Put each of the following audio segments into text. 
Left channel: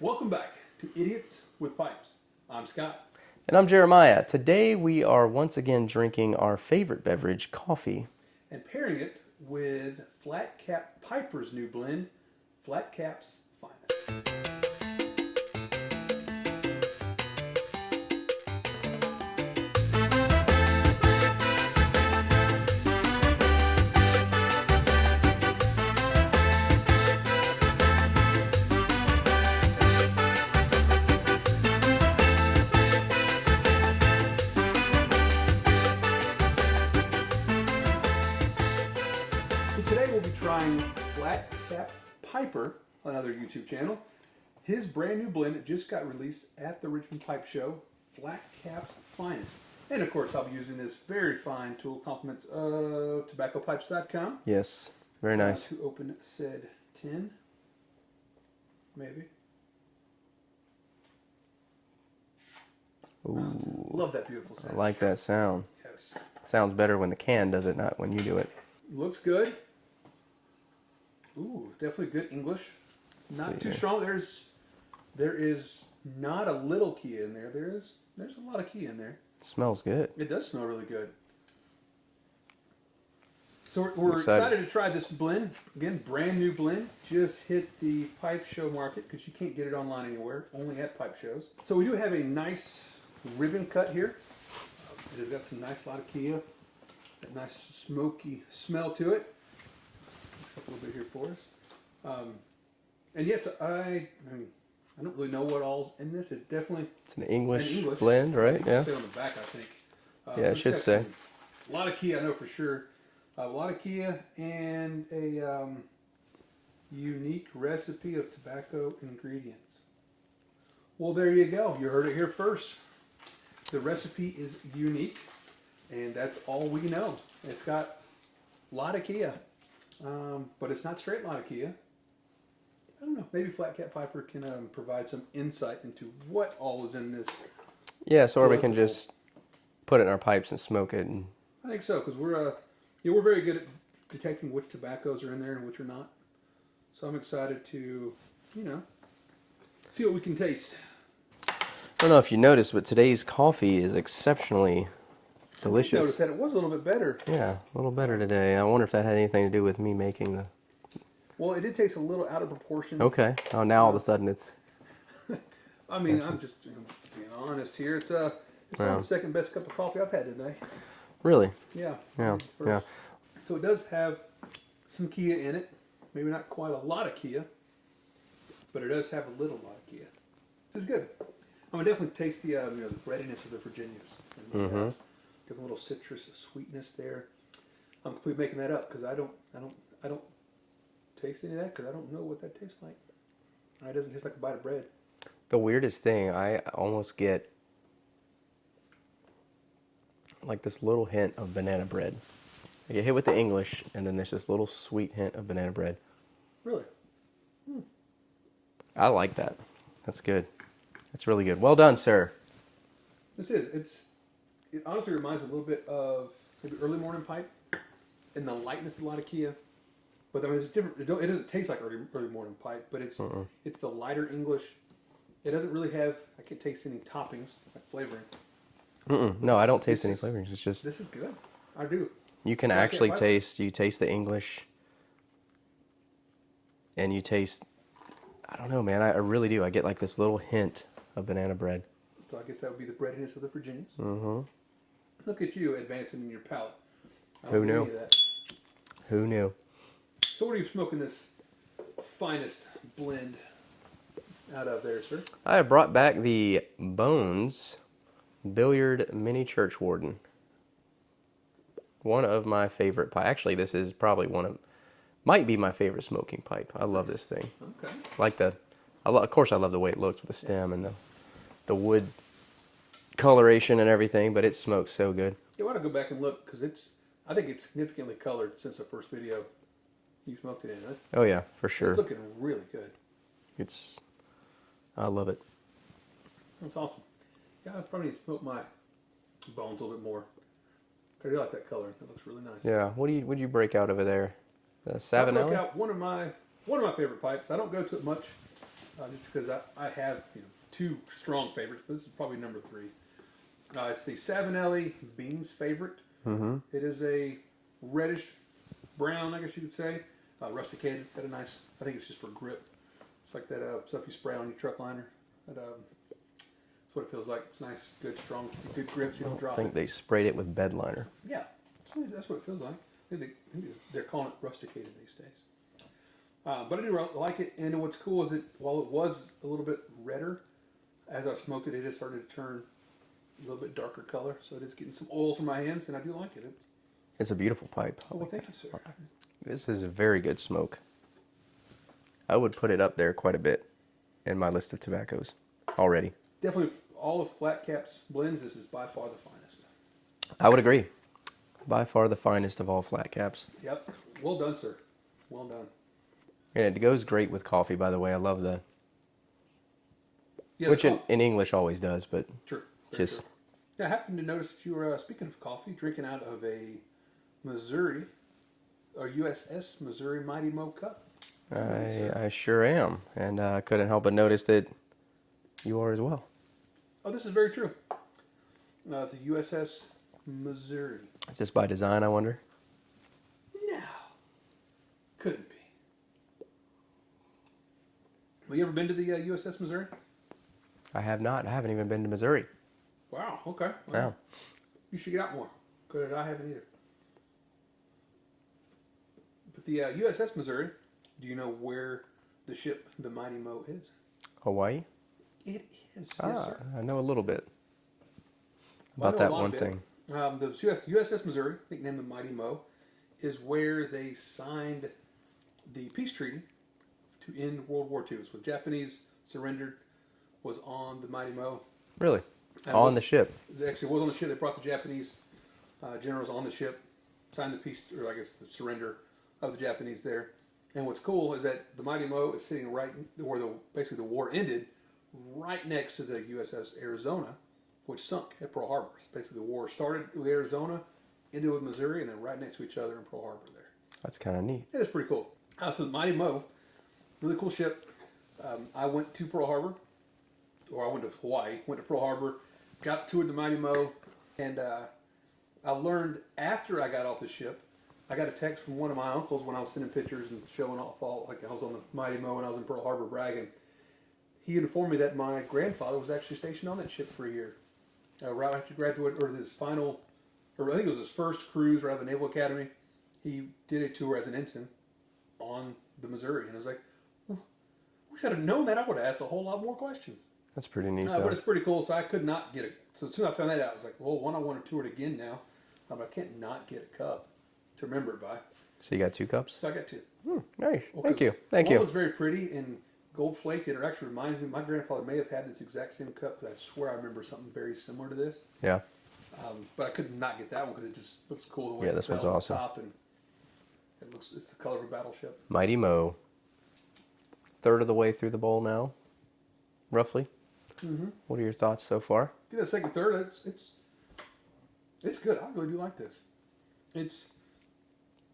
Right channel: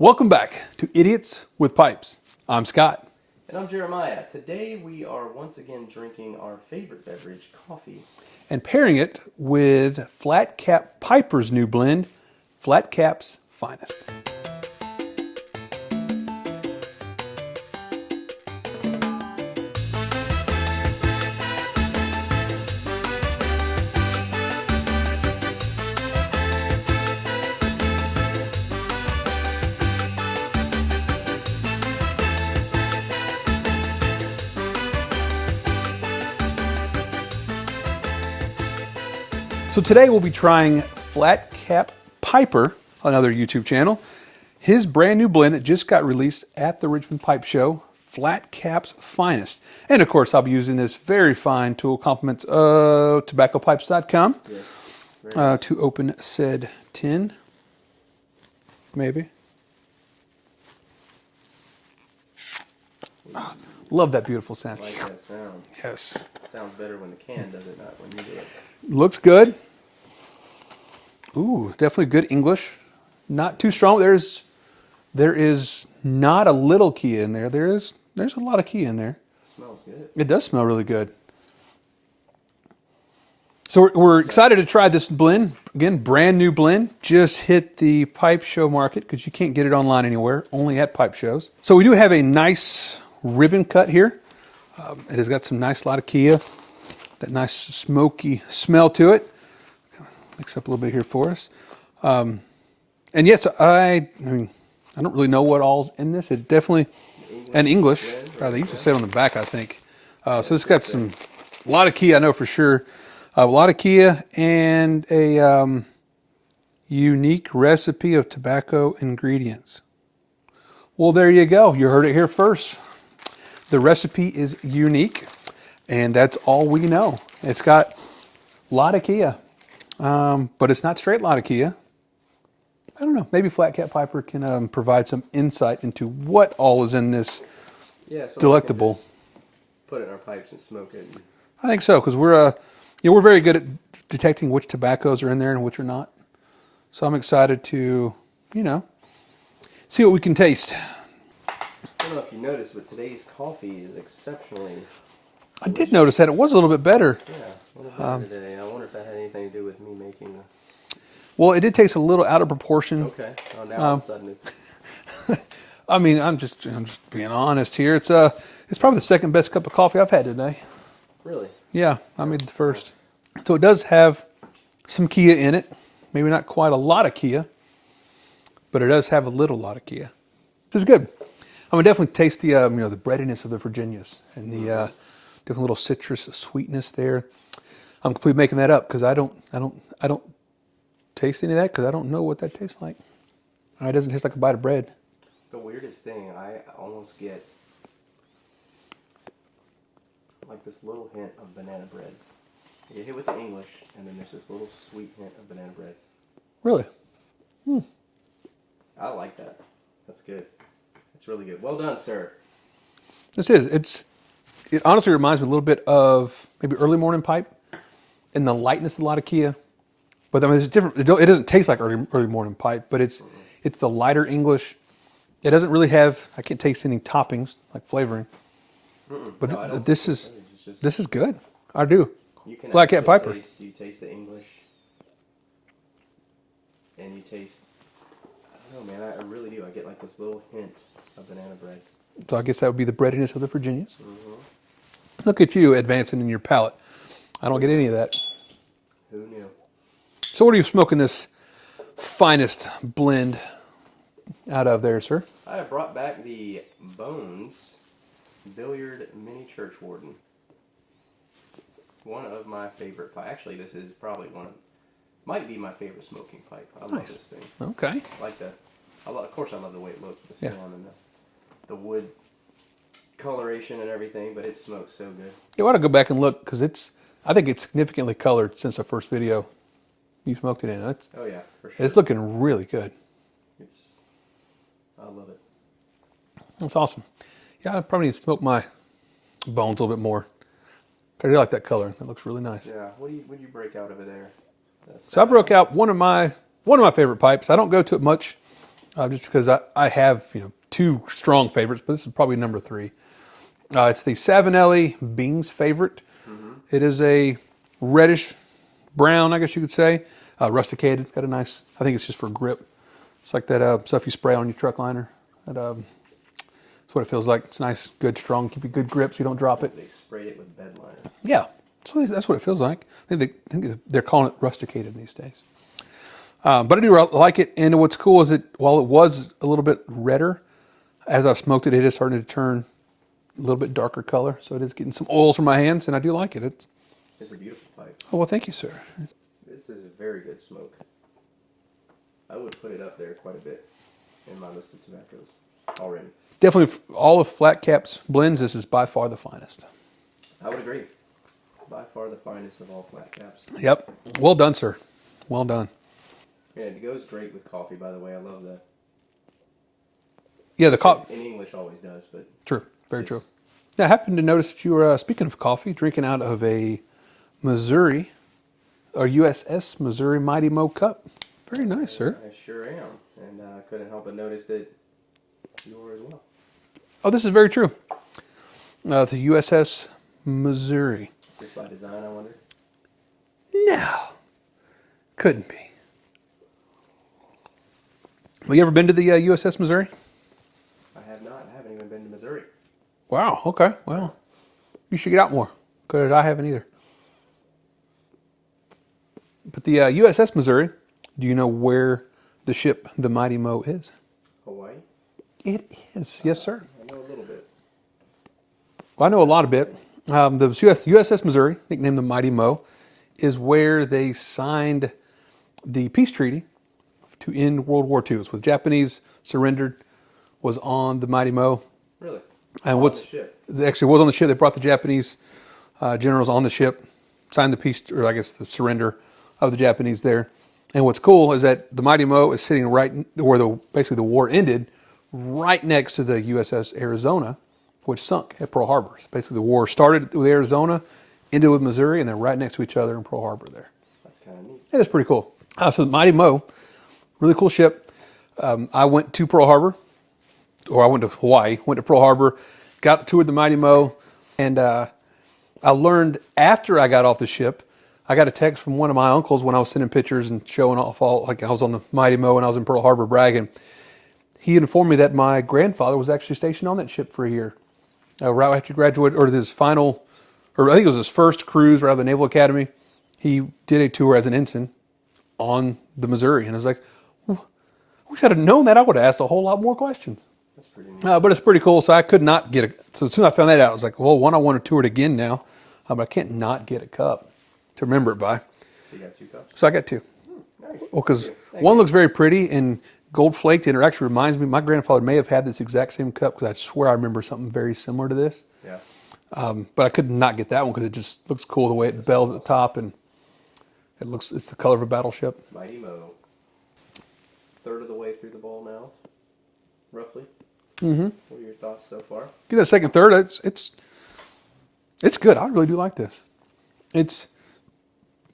Welcome back to Idiots with Pipes. I'm Scott. And I'm Jeremiah. Today we are once again drinking our favorite beverage, coffee. And pairing it with FlatCap Piper's new blend, FlatCap's Finest. So today we'll be trying FlatCap Piper, another YouTube channel, his brand new blend that just got released at the Richmond Pipe Show, FlatCap's Finest. And of course I'll be using this very fine tool, compliments of tobaccopipes.com. Yes, very nice. To open said tin, maybe. Love that beautiful sound. I like that sound. Yes. Sounds better when the can does it, not when you do it. Looks good. Ooh, definitely good English. Not too strong. There is not a little key in there. There's a lot of key in there. Smells good. It does smell really good. So we're excited to try this blend. Again, brand new blend. Just hit the pipe show market because you can't get it online anywhere, only at pipe shows. So we do have a nice ribbon cut here. It has got some nice latakia, that nice smoky smell to it. Mix up a little bit here for us. And yes, I mean, I don't really know what all's in this. It definitely an English blend, right? You can say it on the back, I think. So it's got a lot of Kia, I know for sure. A lot of Kia and a unique recipe of tobacco ingredients. Well, there you go. You heard it here first. The recipe is unique, and that's all we know. It's got latakia, but it's not straight latakia. I don't know. Maybe FlatCap Piper can provide some insight into what all is in this delectable. We can just put it in our pipes and smoke it. I think so, because we're very good at detecting which tobaccos are in there and which are not. So I'm excited to, see what we can taste. I don't know if you noticed, but today's coffee is exceptionally delicious. I did notice that it was a little bit better. Yeah, a little better today. I wonder if that had anything to do with me making the... Well, it did taste a little out of proportion. Okay. Oh, now all of a sudden it's... I mean, I'm just being honest here. It's probably the second best cup of coffee I've had today. Really? Yeah, I made the first. Yeah. So it does have some Kia in it. Maybe not quite a lot of Kia, but it does have a little lot of Kia. This is good. I'm gonna definitely taste the the breadiness of the Virginias and the different little citrus sweetness there. I'm completely making that up because I don't taste any of that because I don't know what that tastes like. It doesn't taste like a bite of bread. The weirdest thing, I almost get like this little hint of banana bread. I get hit with the English, and then there's this little sweet hint of banana bread. Really? I like that. That's good. That's really good. Well done, sir. This is. It honestly reminds me a little bit of maybe early morning pipe and the lightness of a lot of Kia. But I mean, it's different. It doesn't taste like early morning pipe, but it's the lighter English. It doesn't really have. I can't taste any toppings like flavoring. But no, I don't taste any flavorings. It's just this is good. I do. You can FlatCap actually taste the English, and you taste. I don't know, man. I really do. I get like this little hint of banana bread. So I guess that would be the breadiness of the Virginias. Look at you advancing in your palate. I don't get any of that. Who knew? So what are you smoking this finest blend out of there, sir? I have brought back the Bones Billiard Mini-Churchwarden. One of my favorite pipe. Actually, this is probably might be my favorite smoking pipe. I love this thing. Okay. Of course, I love the way it looks with the stem and the wood coloration and everything, but it smokes so good. You ought to go back and look because I think it's significantly colored since the first video you smoked it in. Oh yeah, for sure. It's looking really good. I love it. That's awesome. Yeah, I probably need to smoke my Bones a little bit more. I really like that color. It looks really nice. Yeah. What do you break out over there? So I broke out one of my favorite pipes. I don't go to it much just because I have two strong favorites, but this is probably number 3. It's the Savinelli Beans favorite. It is a reddish brown, I guess you could say, rusticated. Got a nice. I think it's just for grip. It's like that stuff you spray on your truck liner. That's what it feels like. It's nice, good, strong, keep you good grip so you don't drop it. They sprayed it with bed liner. Yeah, that's what it feels like. I think they're calling it rusticated these days. But I do like it, and what's cool is that while it was a little bit redder, as I smoked it, it is starting to turn a little bit darker color. So it is getting some oils from my hands, and I do like it. It's a beautiful pipe. Oh, well, thank you, sir. This is a very good smoke. I would put it up there quite a bit in my list of tobaccos already. Definitely, all of FlatCap's blends, this is by far the finest. I would agree. By far the finest of all FlatCap's. Yep. Well done, sir. Well done. And it goes great with coffee, by the way. I love the... Yeah, the coffee. In English always does, but... True. Very true. Now, I happened to notice that you were, speaking of coffee, drinking out of a Missouri, or USS Missouri Mighty Mo cup. Very nice, sir. I sure am. And I couldn't help but notice that you are as well. Oh, this is very true. The USS Missouri. Is this by design, I wonder? No. Couldn't be. Well, you ever been to the USS Missouri? I have not. I haven't even been to Missouri. Wow, okay. Well, Wow. You should get out more, because I haven't either. But the USS Missouri, do you know where the ship, the Mighty Mo, is? Hawaii? It is. Yes, sir. I know a little bit. Well, I know a lot of one it. The USS Missouri, nicknamed the Mighty Mo, is where they signed the peace treaty to end World War II. It's when the Japanese surrendered, was on the Mighty Mo. Really? And on the ship? Actually, it was on the ship. They brought the Japanese generals on the ship, signed the peace, or I guess the surrender of the Japanese there. And what's cool is that the Mighty Mo is sitting right where basically the war ended, right next to the USS Arizona, which sunk at Pearl Harbor. So basically, the war started with Arizona, ended with Missouri, and they're right next to each other in Pearl Harbor there. That's kind of neat. It is pretty cool. So the Mighty Mo, really cool ship. I went to Pearl Harbor, or I went to Hawaii, went to Pearl Harbor, toured the Mighty Mo, and I learned after I got off the ship, I got a text from one of my uncles when I was sending pictures and showing off like I was on the Mighty Mo and I was in Pearl Harbor bragging. He informed me that my grandfather was actually stationed on that ship for a year. Right after he graduated, or his final, or I think it was his first cruise right out of the Naval Academy, he did a tour as an ensign on the Missouri. And I was like, well, I wish I'd have known that. I would have asked a whole lot more questions. That's pretty neat. But it's pretty cool. So I could not get it. So as soon as I found that out, I was like, well, one, I want to tour it again now. But I can't not get a cup to remember it by. So you got 2 cups? So I got 2. Nice. Well, because Thank one you. looks very pretty and gold flaked, and it actually reminds me, my grandfather may have had this exact same cup, because I swear I remember something very similar to this. Yeah. But I could not get that one because it just looks cool the way it this bells at one's the top, and it's the color of a battleship. Mighty Mo. Third of the way through the bowl now, roughly. Mm-hmm. What are your thoughts so far? Get that second, third. It's good. I really do like this.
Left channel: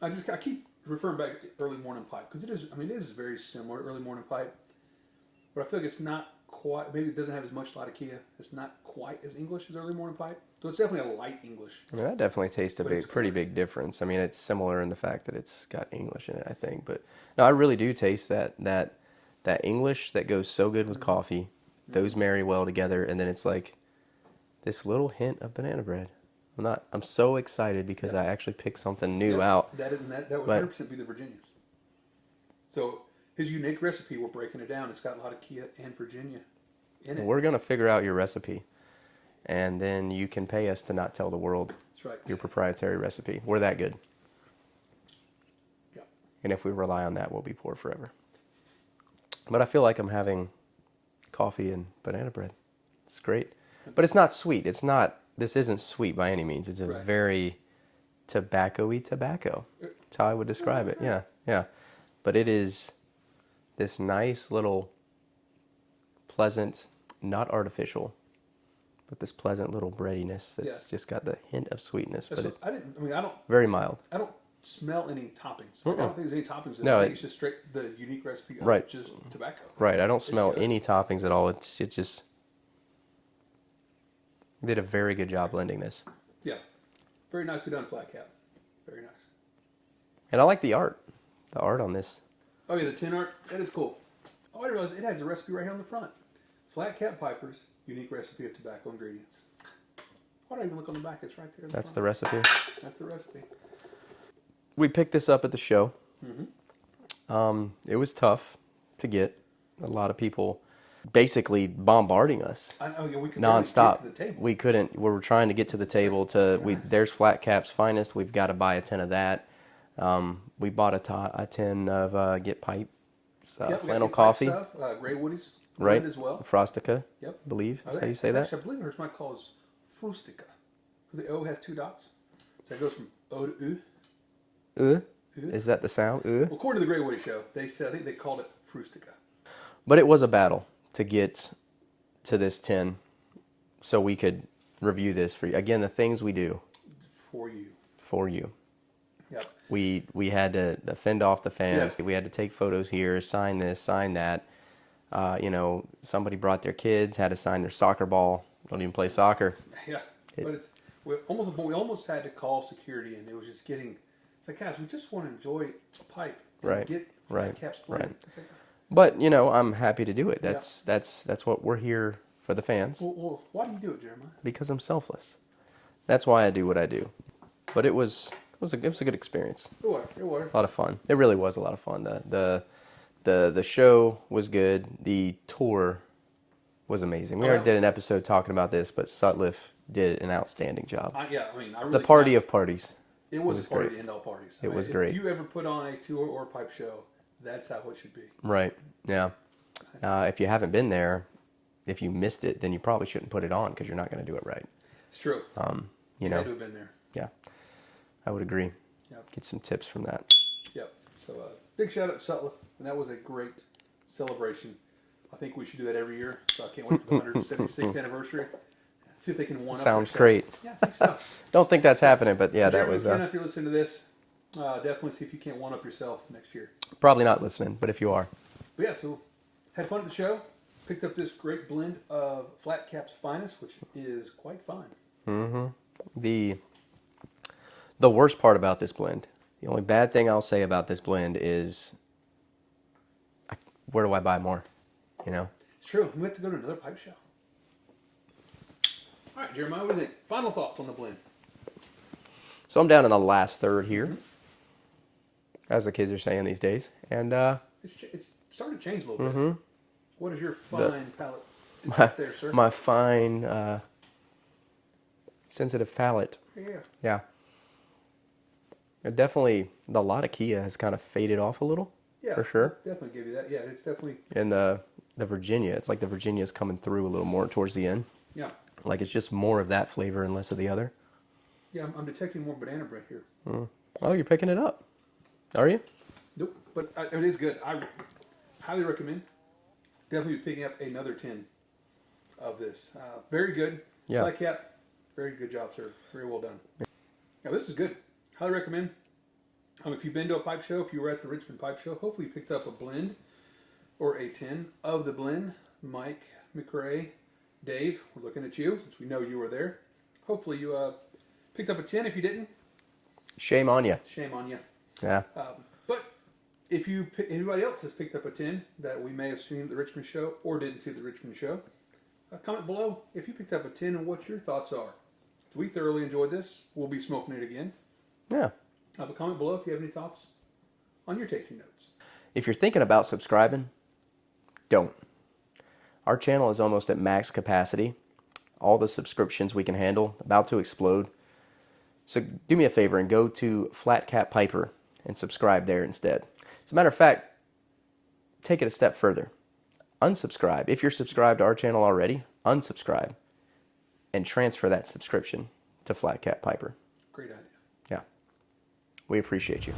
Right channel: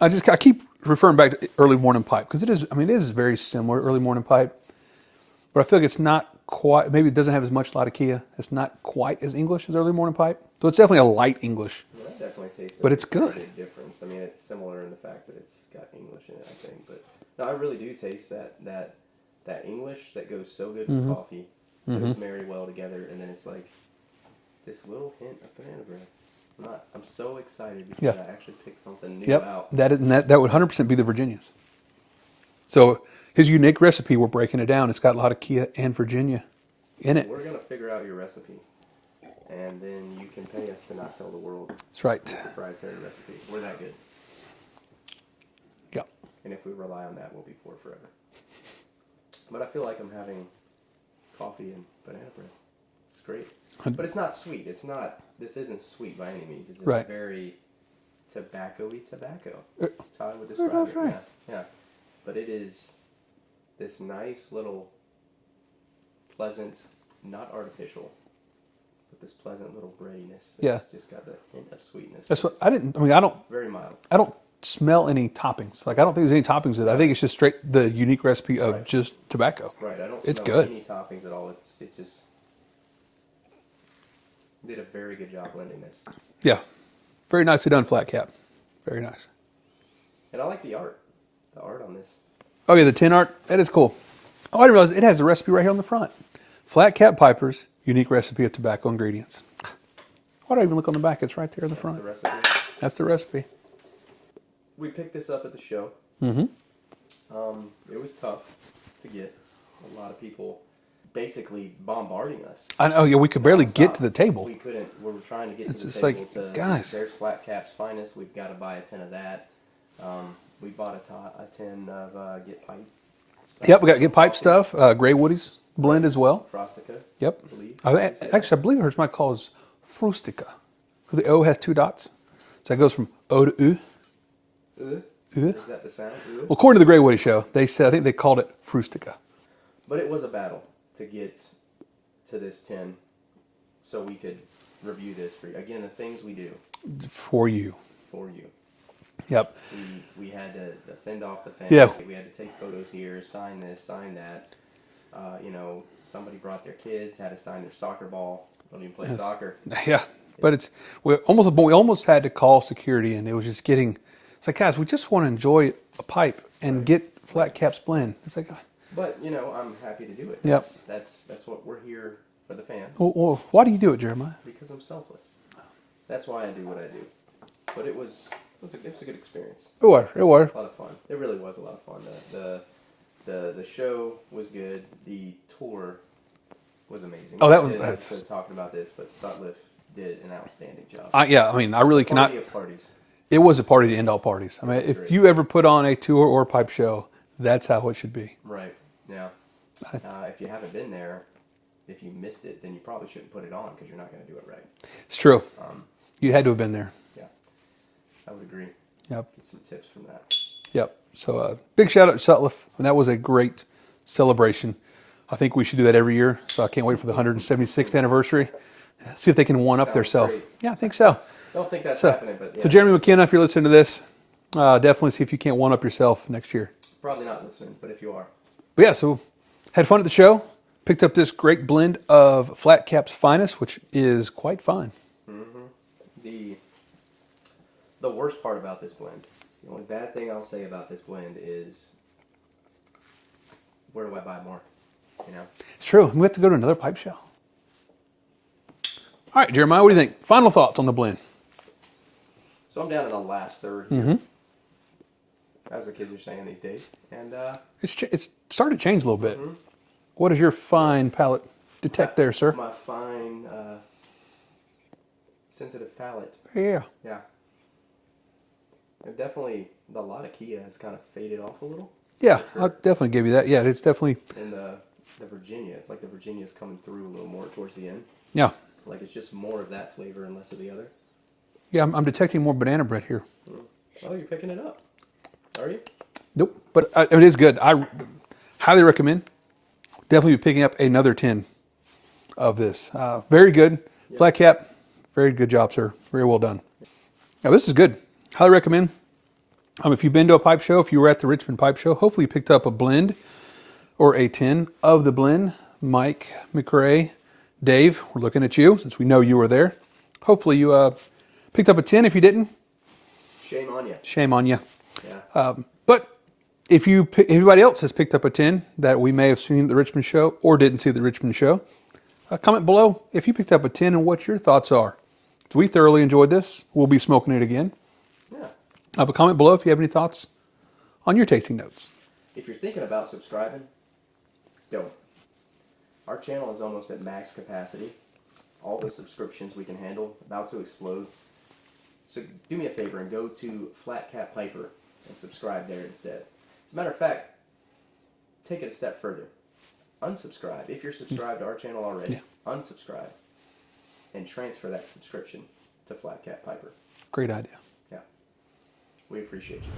I keep referring back to early morning pipe because it is very similar early morning pipe, but I feel like it's not quite. Maybe it doesn't have as much latakia. It's not quite as English as early morning pipe. So it's definitely a light English. I mean, I definitely taste a it's pretty good. big difference. I mean, it's similar in the fact that it's got English in it, I think. But no, I really do taste that English that goes so good with coffee. Those marry well together, and then it's like this little hint of banana bread. I'm so excited because I actually picked something new out. That would 100% be the Virginias. So his unique recipe, we're breaking it down. It's got latakia and Virginia in it. We're gonna figure out your recipe, and then you can pay us to not tell the world That's right. your proprietary recipe. We're that good. Yeah. And if we rely on that, we'll be poor forever. But I feel like I'm having coffee and banana bread. It's great. But it's not sweet. This isn't sweet by any means. It's a Right. very tobacco-y tobacco. That's how I would describe it. Right. Yeah. But it is this nice little pleasant, not artificial, but this pleasant little breadiness that's just got the hint of sweetness. That's but what I don't. very mild. I don't smell any toppings. Like I don't think there's any toppings in it. No, I think it's just straight the unique recipe of Right. just tobacco. Right. I don't It's smell good. any toppings at all. It's just you did a very good job blending this. Yeah. Very nicely done, Flat Cap. Very nice. And I like the art. The art on this. Oh yeah, the tin art. That is cool. Oh, I didn't realize it has a recipe right here on the front. Flat Cap Piper's unique recipe of tobacco ingredients. Why do I even look on the back? It's right there on the front. That's the recipe. That's the recipe. We picked this up at the show. It was tough to get. A lot of people basically bombarding us. I know. Yeah, we could barely get nonstop. to the table. We couldn't. We were trying to get to the It's just like, table. guys. There's FlatCap's finest. We've got to buy a tin of that. We bought a tin of Get Pipe. Yep, we got Little Get Pipe coffee. stuff. Gray Woody's blend as well. Frostica. Yep. I believe. Actually, I believe hers might call is Frustica. The O has 2 dots. So it goes from O to U. Is that the sound? Well, according to the Gray Woody show, they said, I think they called it Frustica. But it was a battle to get to this tin so we could review this for you. Again, the things we do For you. for you. Yep. We had to fend off the fans. Yeah. We had to take photos here, sign this, sign that. Somebody brought their kids, had to sign their soccer ball. Don't even play soccer. Yeah. But we almost had to call security, and it was just getting. It's like, guys, we just want to enjoy a pipe and Right. get FlatCap's blend. It's like, But I'm happy to do it. That's what we're here for the fans. well, why do you do it, Jeremiah? Because I'm selfless. That's why I do what I do. But it was a good experience. It was. A lot of fun. It really was a lot of fun. The show was good. The tour was amazing. We did an episode talking about this, but Sutliff did an outstanding job. I really cannot. Party of parties. It was a party to end all parties. I mean, was if great. you ever put on a tour or a pipe show, that's how it should be. Right. Yeah. If you haven't been there, if you missed it, then you probably shouldn't put it on because you're not going to do it right. It's true. You had to have been there. Yeah. I would agree. Yep. Get some tips from that. Yep. So big shout out to Sutliff, and that was a great celebration. I think we should do that every year. So I can't wait for the 176th anniversary. See if they can one up Sounds themselves. great. Yeah, I think so. Don't think that's happening, but yeah. So Jeremy McKenna, if you're listening to this, definitely see if you can't one up yourself next year. Probably not listening, but if you are. But yeah, so had fun at the show. Picked up this great blend of FlatCap's finest, which is quite fine. The worst part about this blend, the only bad thing I'll say about this blend is, where do I buy more? It's true. We have to go to another pipe show. All right, Jeremiah, what do you think? Final thoughts on the blend? So I'm down in the last third here, as the kids are saying these days, and It's starting to change a little bit. What does your fine palate detect there, sir? my fine, sensitive palate. Yeah. Yeah. Definitely, the Latakia has kind of faded off a little. Yeah, for sure. I'll definitely give you that. Yeah, it's definitely. And the Virginia, it's like the Virginia's coming through a little more towards the end. Yeah. Like it's just more of that flavor and less of the other. Yeah, I'm detecting more banana bread here. Oh, you're picking it up. Are you? Nope, but it is good. I highly recommend. Definitely be picking up another tin of this. Very good. Yeah. Flat Cap, very good job, sir. Very well done. Now, this is good. Highly recommend. If you've been to a pipe show, if you were at the Richmond Pipe Show, hopefully you picked up a blend or a tin of the blend. Mike, McCray, Dave, we're looking at you since we know you were there. Hopefully you picked up a tin. If you didn't, Shame on you. shame on you. Yeah. But if anybody else has picked up a tin that we may have seen at the Richmond show or didn't see at the Richmond show, comment below if you picked up a tin and what your thoughts are. So we thoroughly enjoyed this. We'll be smoking it again. Yeah. But comment below if you have any thoughts on your tasting notes. If you're thinking about subscribing, don't. Our channel is almost at max capacity. All the subscriptions we can handle, about to explode. So do me a favor and go to FlatCap Piper and subscribe there instead. As a matter of fact, take it a step further. Unsubscribe. If you're subscribed to our channel already, unsubscribe and transfer that subscription to FlatCap Piper. Great idea. Yeah. We appreciate you.